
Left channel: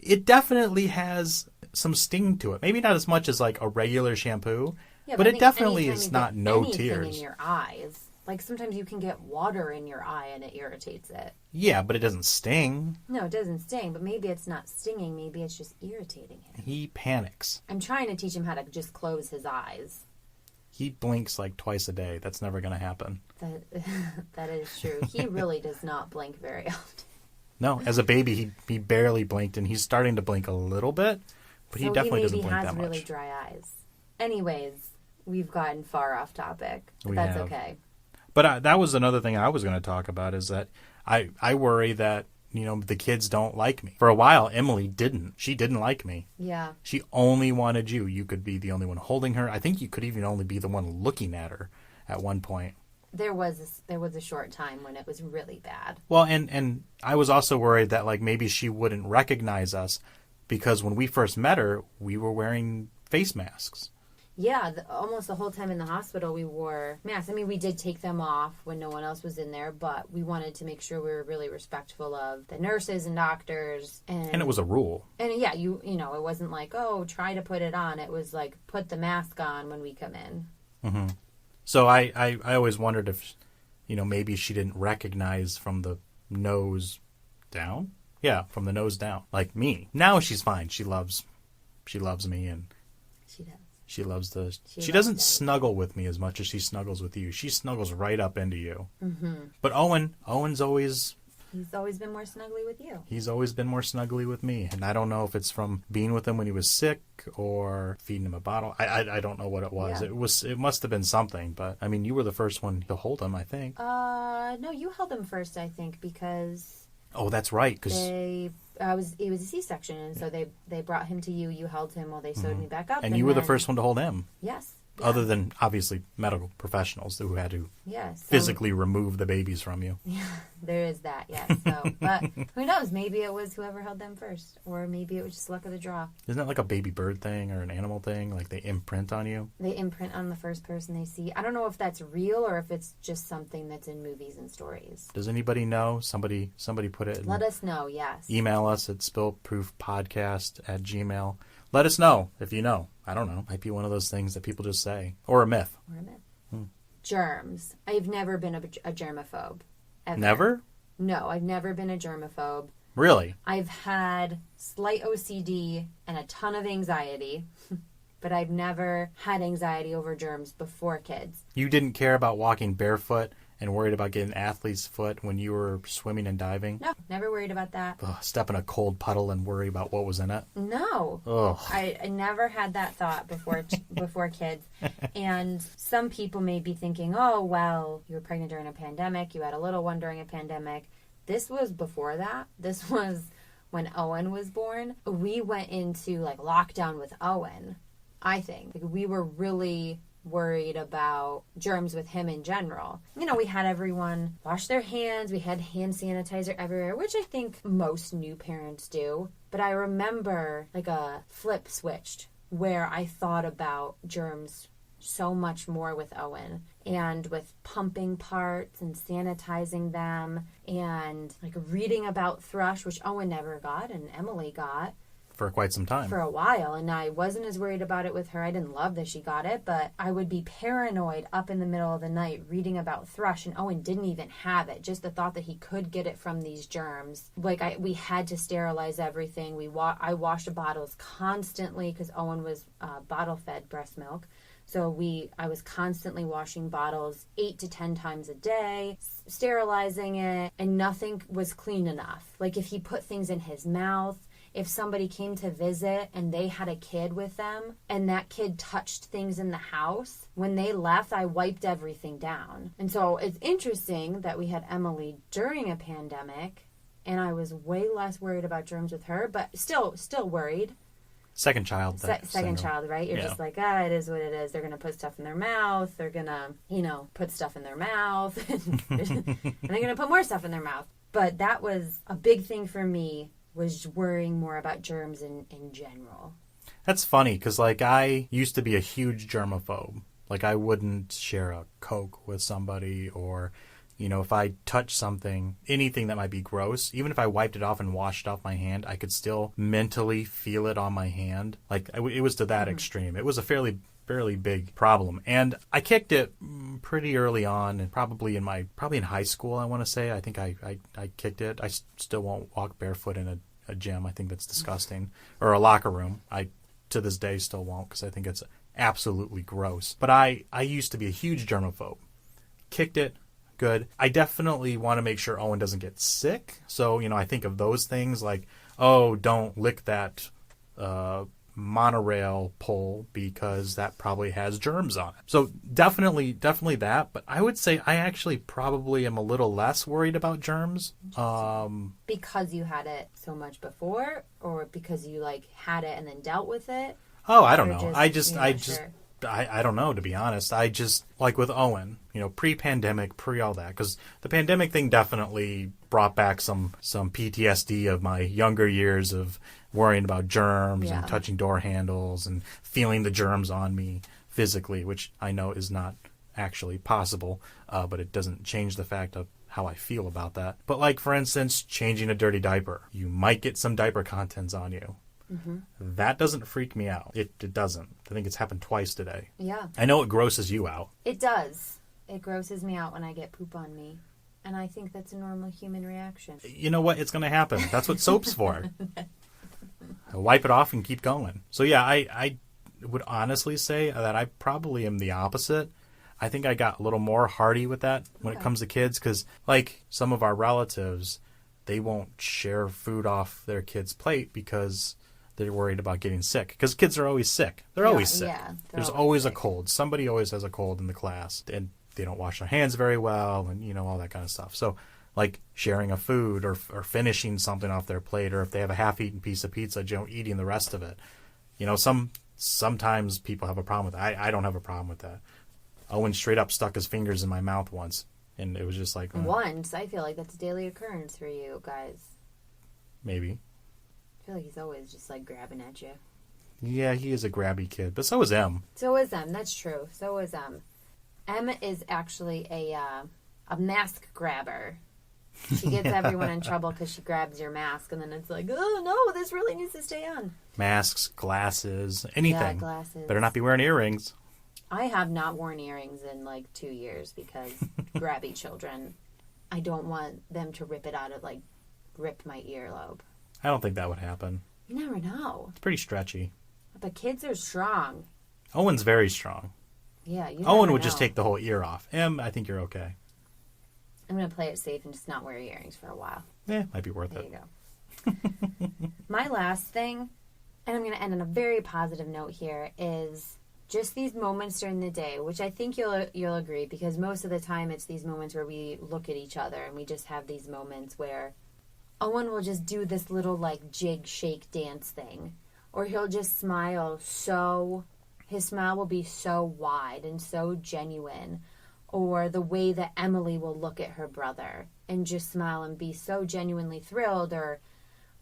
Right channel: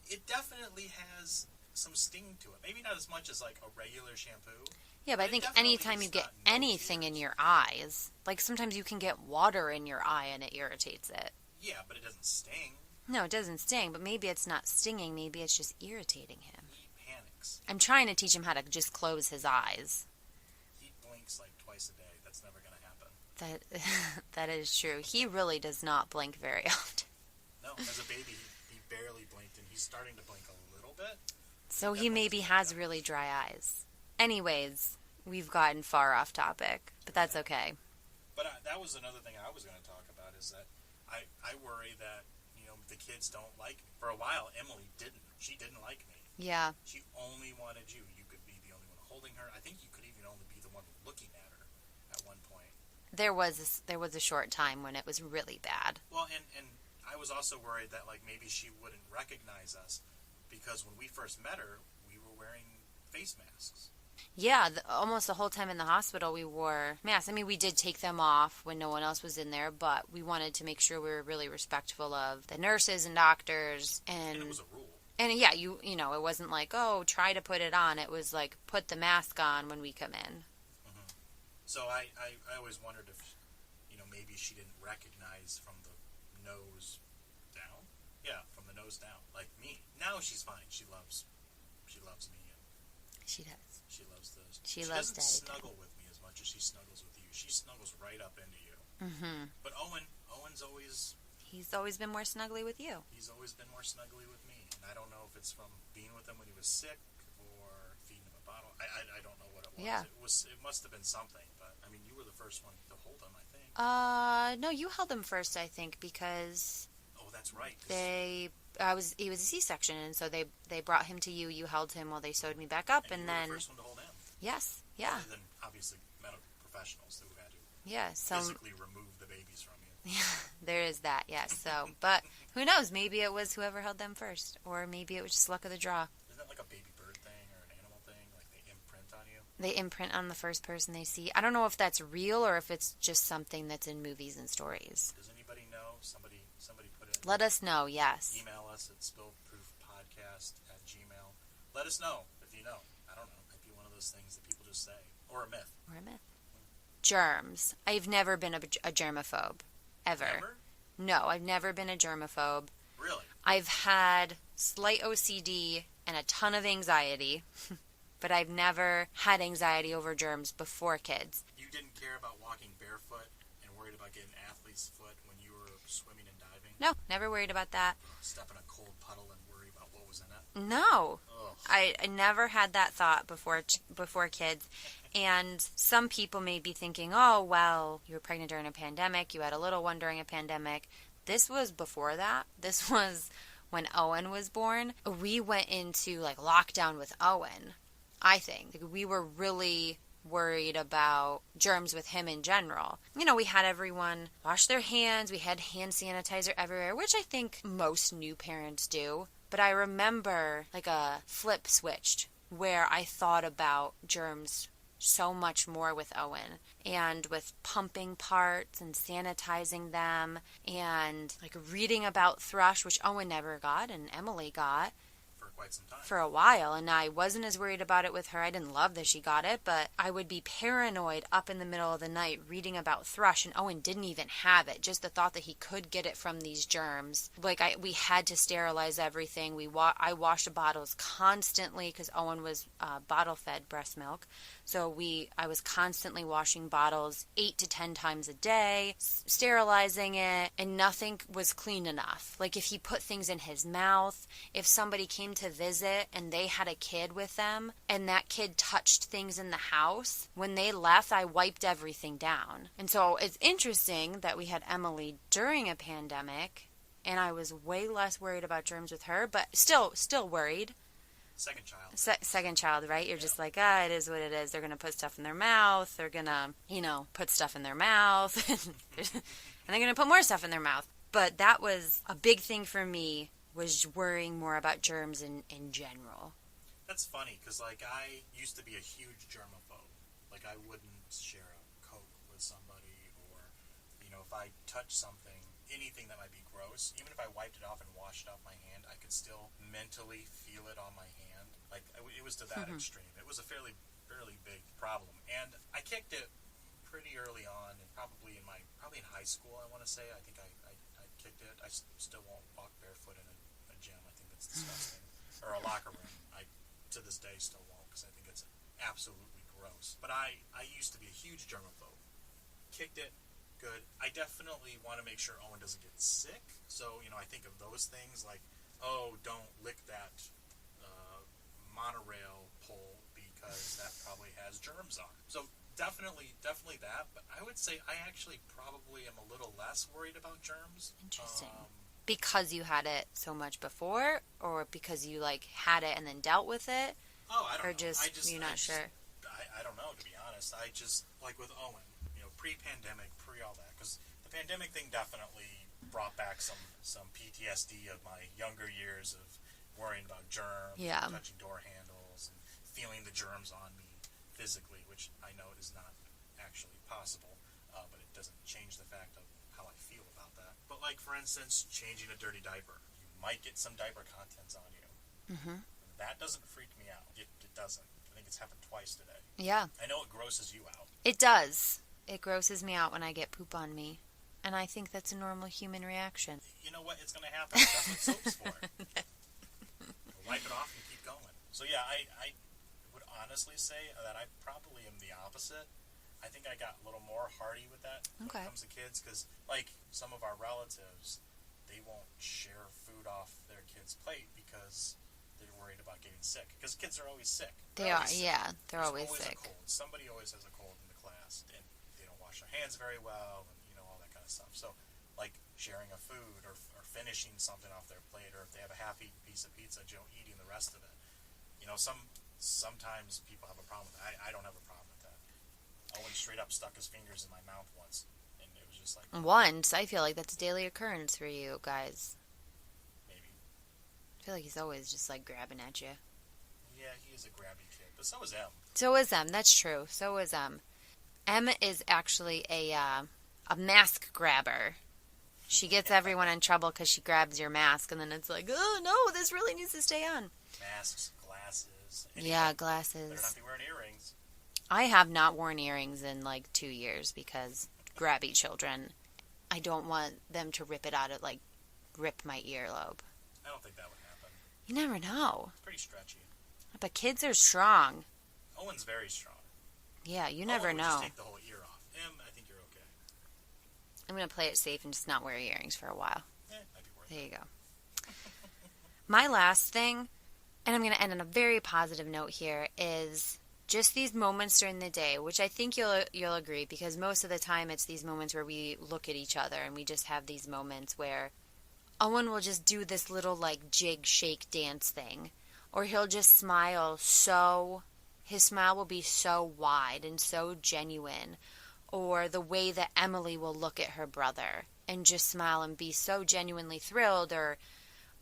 It definitely has some sting to it. Maybe not as much as like a regular shampoo, yeah, but it definitely is not no tears. Anything in your eyes, like sometimes you can get water in your eye and it irritates it. Yeah, but it doesn't sting. No, it doesn't sting, but maybe it's not stinging. Maybe it's just irritating him. He panics. I'm trying to teach him how to just close his eyes. He blinks like twice a day. That's never going to happen. That is true. He really does not blink very often. No, as a baby, he barely blinked, and he's starting to blink a little bit, but so he definitely maybe doesn't blink has that really much. dry eyes. Anyways, we've gotten far off topic, but that's okay. But that was another thing I was going to talk about, is that I worry that, the kids don't like me. For a while, Emily didn't. She didn't like me. Yeah. She only wanted you. You could be the only one holding her. I think you could even only be the one looking at her at one point. There was a short time when it was really bad. Well, and I was also worried that like maybe she wouldn't recognize us, because when we first met her, we were wearing face masks. Yeah, almost the whole time in the hospital we wore masks. I mean, we did take them off when no one else was in there, but we wanted to make sure we were really respectful of the nurses and doctors. And it was a rule. And yeah, it wasn't like, oh, try to put it on. It was like, put the mask on when we come in. Mm-hmm. So I always wondered if, maybe she didn't recognize from the nose Down? Yeah, from the nose down. Like me. Now she's fine. She loves me, and She does. she loves the... She She loves doesn't Daddy. snuggle with me as much as she snuggles with you. She snuggles right up into you. Mm-hmm. But Owen's always... He's always been more snuggly with you. He's always been more snuggly with me. And I don't know if it's from being with him when he was sick or feeding him a bottle. I don't know what it was. Yeah. It must have been something. But, I mean, you were the first one to hold him, I think. No, you held him first, I think, because... Oh, that's right. Cause... it was a C-section, and so they brought him to you. You held him while they sewed me back up. And you were the first one to hold him. Yes. Yeah. Other than, obviously, medical professionals who had to Yes. physically remove the babies from you. Yeah, there is that, yes. So, but who knows? Maybe it was whoever held them first, or maybe it was just luck of the draw. Isn't that like a baby bird thing or an animal thing? Like they imprint on you? They imprint on the first person they see. I don't know if that's real or if it's just something that's in movies and stories. Does anybody know? Somebody put it. Let us know, yes. Email us at spillproofpodcast@gmail.com. Let us know if you know. I don't know. Might be one of those things that people just say. Or a myth. Or a myth. Germs. I've never been a germaphobe. Ever. Never? No, I've never been a germaphobe. Really? I've had slight OCD and a ton of anxiety, but I've never had anxiety over germs before kids. You didn't care about walking barefoot and worried about getting an athlete's foot when you were swimming and diving? No, never worried about that. Ugh, step in a cold puddle and worry about what was in it? No. Ugh. I never had that thought before kids. And some people may be thinking, oh, well, you were pregnant during a pandemic. You had a little one during a pandemic. This was before that. This was when Owen was born. We went into like lockdown with Owen, I think. Like, we were really worried about germs with him in general. You know, we had everyone wash their hands. We had hand sanitizer everywhere, which I think most new parents do. But I remember like a flip switched where I thought about germs so much more with Owen, and with pumping parts and sanitizing them, and like reading about thrush, which Owen never got and Emily got For quite some time. for a while. And I wasn't as worried about it with her. I didn't love that she got it, but I would be paranoid up in the middle of the night reading about thrush, and Owen didn't even have it. Just the thought that he could get it from these germs. Like we had to sterilize everything. I washed the bottles constantly because Owen was bottle fed breast milk. So I was constantly washing bottles 8 to 10 times a day, sterilizing it, and nothing was clean enough. Like if he put things in his mouth, if somebody came to visit and they had a kid with them and that kid touched things in the house, when they left, I wiped everything down. And so it's interesting that we had Emily during a pandemic, and I was way less worried about germs with her, but still worried. Second child. Second child, right? You're just like, it is what it is. They're going to put stuff in their mouth. They're going to, put stuff in their mouth. And they're going to put more stuff in their mouth. But that was a big thing for me, was worrying more about germs in general. That's funny, because, like, I used to be a huge germaphobe. Like, I wouldn't share a Coke with somebody, or... if I touch something, anything that might be gross, even if I wiped it off and washed off my hand, I could still mentally feel it on my hand. Like, it was to that extreme. It was a fairly big problem. And I kicked it pretty early on, and probably in high school, I want to say. I think I kicked it. I still won't walk barefoot in a gym. I think that's disgusting. Or a locker room. I, to this day, still won't, because I think it's absolutely gross. But I used to be a huge germaphobe. Kicked it. Good. I definitely want to make sure Owen doesn't get sick. So, I think of those things like, oh, don't lick that monorail pole because that probably has germs on it. So definitely that. But I would say I actually probably am a little less worried about germs. Because you had it so much before, or because you had it and then dealt with it? Oh, I don't know. Sure. I don't know, to be honest. I just, like with Owen, pre-pandemic, pre-all that, because the pandemic thing definitely brought back some PTSD of my younger years of worrying about germs and touching door handles and feeling the germs on me physically, which I know is not actually possible, but it doesn't change the fact of how I feel about that. But like, for instance, changing a dirty diaper. You might get some diaper contents on you. Mm-hmm. That doesn't freak me out. It doesn't. I think it's happened twice today. Yeah. I know it grosses you out. It does. It grosses me out when I get poop on me. And I think that's a normal human reaction. You know what? It's going to happen. That's what soap's for. Wipe it off and keep going. So yeah, I would honestly say that I probably am the opposite. I think I got a little more hardy with that when it comes to kids, because like some of our relatives, they won't share food off their kid's plate because they're worried about getting sick. Because kids are always sick. They're always sick. Yeah, There's always a cold. Somebody always has a cold in the class, and they don't wash their hands very well, and all that kind of stuff. So like sharing a food or finishing something off their plate, or if they have a half-eaten piece of pizza, eating the rest of it. Sometimes people have a problem with that. I don't have a problem with that. Owen straight up stuck his fingers in my mouth once, and it was just like... Once? I feel like that's a daily occurrence for you guys. Maybe. I feel like he's always just like grabbing at you. Yeah, he is a grabby kid, but so is Em. So is Em, that's true. So is Em. Em is actually a mask grabber. She gets everyone in trouble because she grabs your mask, and then it's like, oh no, this really needs to stay on. Masks, glasses, anything. Yeah, glasses. Better not be wearing earrings. I have not worn earrings in like 2 years because grabby children. I don't want them to rip it out of, like, rip my earlobe. I don't think that would happen. You never know. It's pretty stretchy. But kids are strong. Owen's very strong. Yeah, you never Owen would know. just take the whole ear off. Em, I think you're okay. I'm going to play it safe and just not wear earrings for a while. Yeah, might be worth it. There you go. My last thing, and I'm going to end on a very positive note here, is just these moments during the day, which I think you'll agree, because most of the time it's these moments where we look at each other and we just have these moments where Owen will just do this little like jig shake dance thing, or he'll just smile his smile will be so wide and so genuine, or the way that Emily will look at her brother and just smile and be so genuinely thrilled,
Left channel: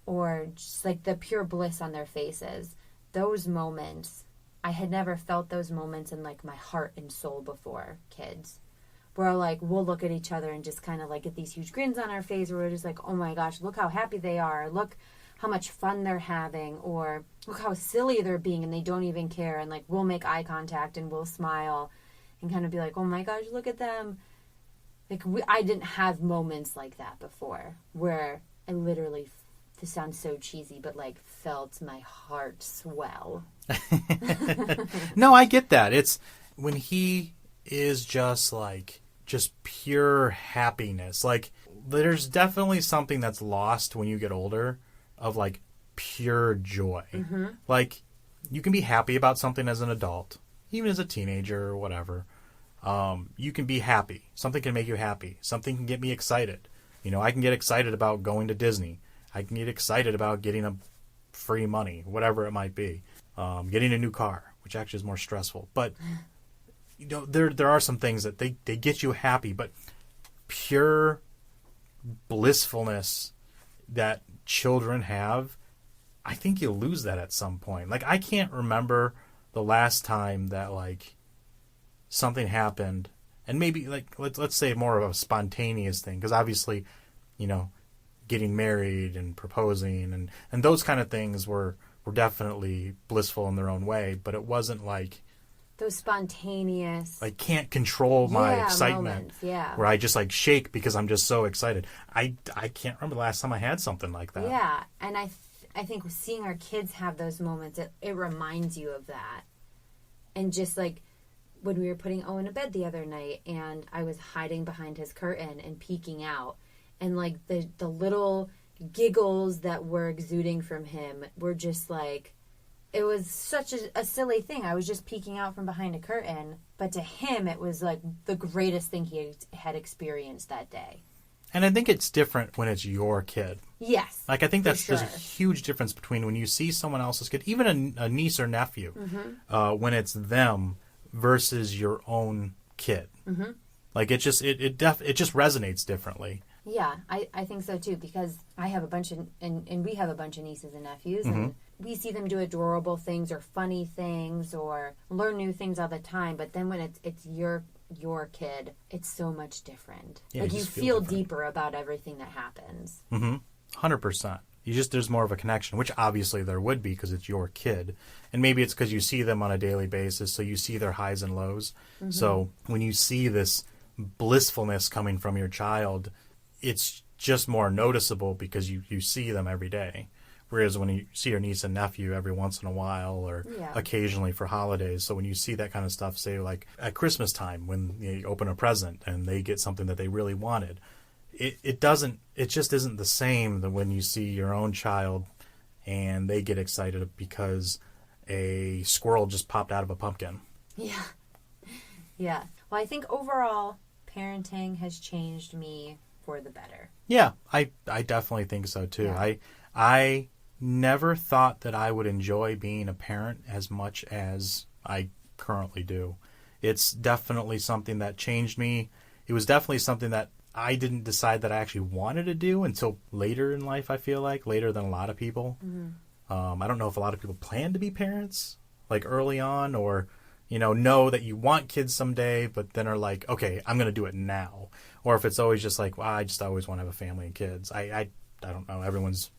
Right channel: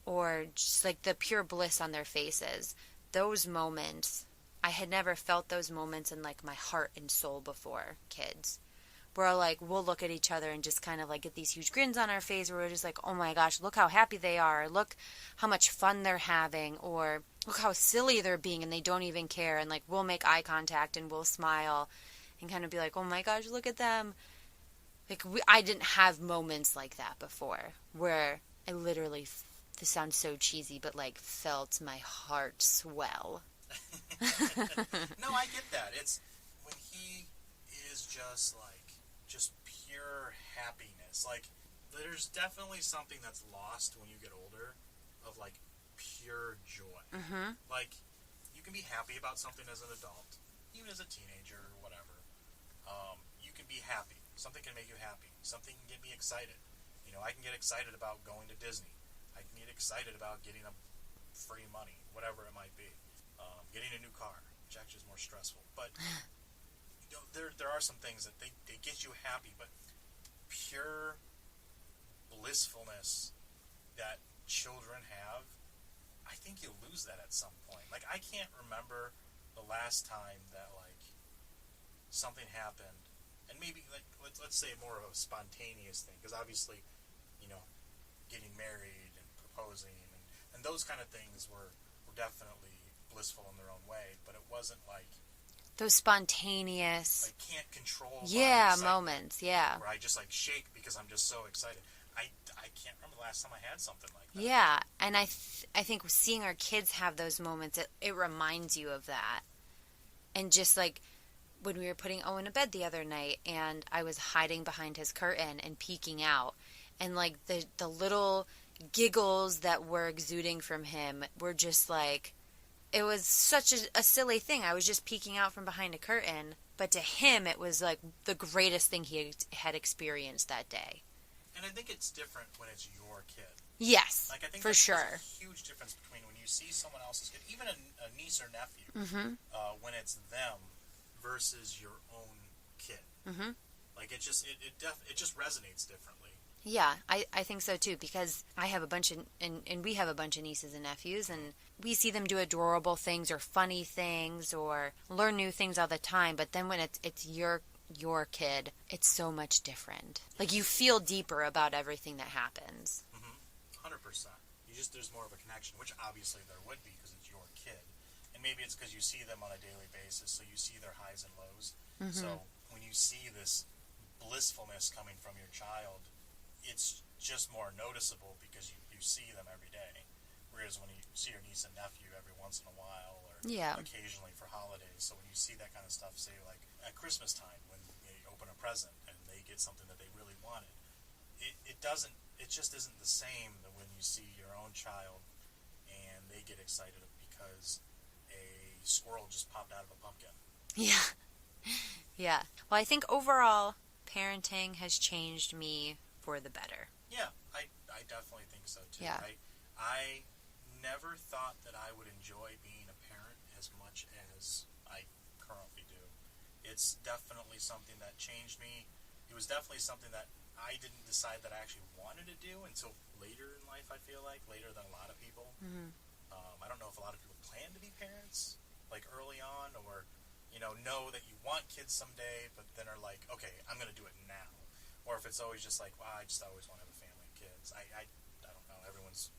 or just like the pure bliss on their faces. Those moments, I had never felt those moments in like my heart and soul before, kids. Where like we'll look at each other and just kind of like get these huge grins on our face, where we're just like, oh my gosh, look how happy they are, look how much fun they're having, or look how silly they're being and they don't even care, and like we'll make eye contact and we'll smile and kind of be like, oh my gosh, look at them. Like I didn't have moments like that before, where I literally, this sounds so cheesy, but like felt my heart swell. No, I get that. It's when he is just pure happiness. Like there's definitely something that's lost when you get older of like pure joy. Mm-hmm. Like you can be happy about something as an adult, even as a teenager or whatever. You can be happy. Something can make you happy. Something can get me excited. I can get excited about going to Disney. I can get excited about getting a free money, whatever it might be. Getting a new car, which actually is more stressful. But there are some things that they get you happy, but pure blissfulness that children have, I think you'll lose that at some point. Like I can't remember the last time that like something happened, and maybe like let's say more of a spontaneous thing, because obviously, getting married and proposing and those kind of things were definitely blissful in their own way, but it wasn't like those spontaneous, like can't control my excitement moments, where I just like shake because I'm just so excited. I can't remember the last time I had something like that. Yeah, and I think seeing our kids have those moments, it reminds you of that. And just like when we were putting Owen to bed the other night, and I was hiding behind his curtain and peeking out, and like the little giggles that were exuding from him were just like, it was such a silly thing. I was just peeking out from behind a curtain, but to him it was like the greatest thing he had experienced that day. And I think it's different when it's your kid. Yes. Like I think there's sure. a huge difference between when you see someone else's kid, even a niece or nephew, mm-hmm. When it's them versus your own kid. Mm-hmm. Like it just resonates differently. Yeah, I think so too, because I have a bunch of, and we have a bunch of nieces and nephews, mm-hmm. and we see them do adorable things or funny things or learn new things all the time. But then when it's your kid, it's so much different. Yeah, like you feel deeper about everything that happens. 100%. There's more of a connection, which obviously there would be because it's your kid. And maybe it's because you see them on a daily basis, so you see their highs and lows. Mm-hmm. So when you see this blissfulness coming from your child, it's just more noticeable because you see them every day. Whereas when you see your niece and nephew every once in a while or occasionally for holidays. So when you see that kind of stuff, say like at Christmas time when you open a present and they get something that they really wanted, it just isn't the same than when you see your own child and they get excited because a squirrel just popped out of a pumpkin. Yeah. Yeah. Well, I think overall parenting has changed me for the better. Yeah, I definitely think so too. Yeah. I never thought that I would enjoy being a parent as much as I currently do. It's definitely something that changed me. It was definitely something that I didn't decide that I actually wanted to do until later in life, I feel like, later than a lot of people. I don't know if a lot of people plan to be parents, like early on, or, know that you want kids someday, but then are like, okay, I'm going to do it now. Or if it's always just like, well, I just always want to have a family and kids. I don't know. Everyone's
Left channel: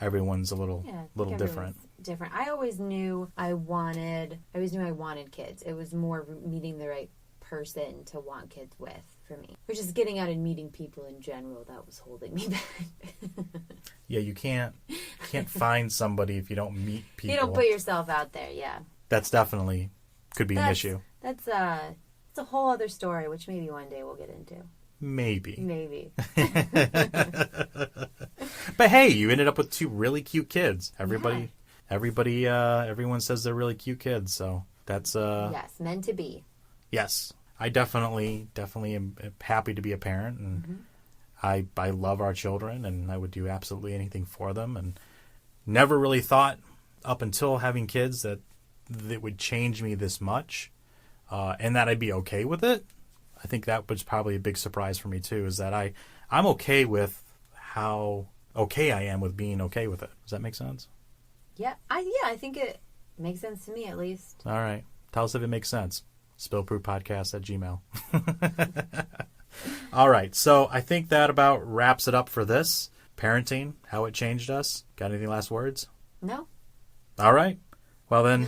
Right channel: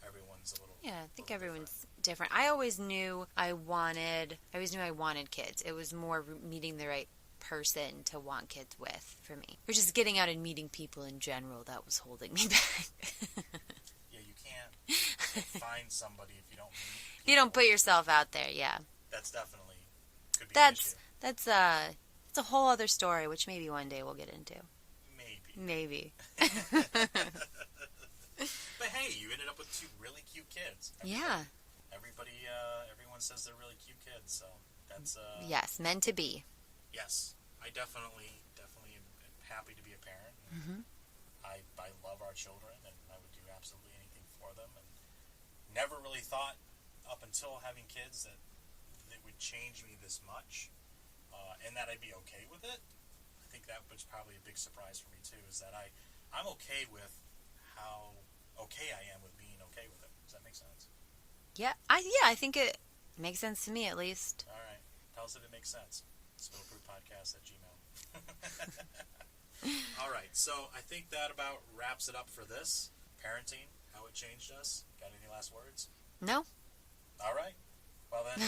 a little different. Different. I always knew I wanted kids. It was more meeting the right person to want kids with for me. Or just getting out and meeting people in general that was holding me back. Yeah, you can't find somebody if you don't meet people. You don't put yourself out there, yeah. That's definitely could be an issue. That's a whole other story, which maybe one day we'll get into. Maybe. But hey, you ended up with 2 really cute kids. Everyone says they're really cute kids, so that's yes, meant to be. Yes, I definitely am happy to be a parent, and I love our children, and I would do absolutely anything for them, and never really thought up until having kids that would change me this much, and that I'd be okay with it. I think that was probably a big surprise for me too, is that I'm okay with how okay I am with being okay with it. Does that make sense? Yeah, I think it makes sense to me at least. All right. Tell us if it makes sense. Spillproofpodcast@gmail. All right. So I think that about wraps it up for this. Parenting, how it changed us. Got any last words? No. All right. Well then,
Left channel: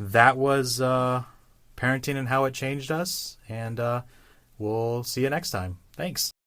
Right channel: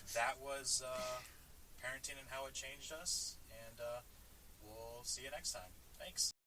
that was parenting and how it changed us. And we'll see you next time. Thanks.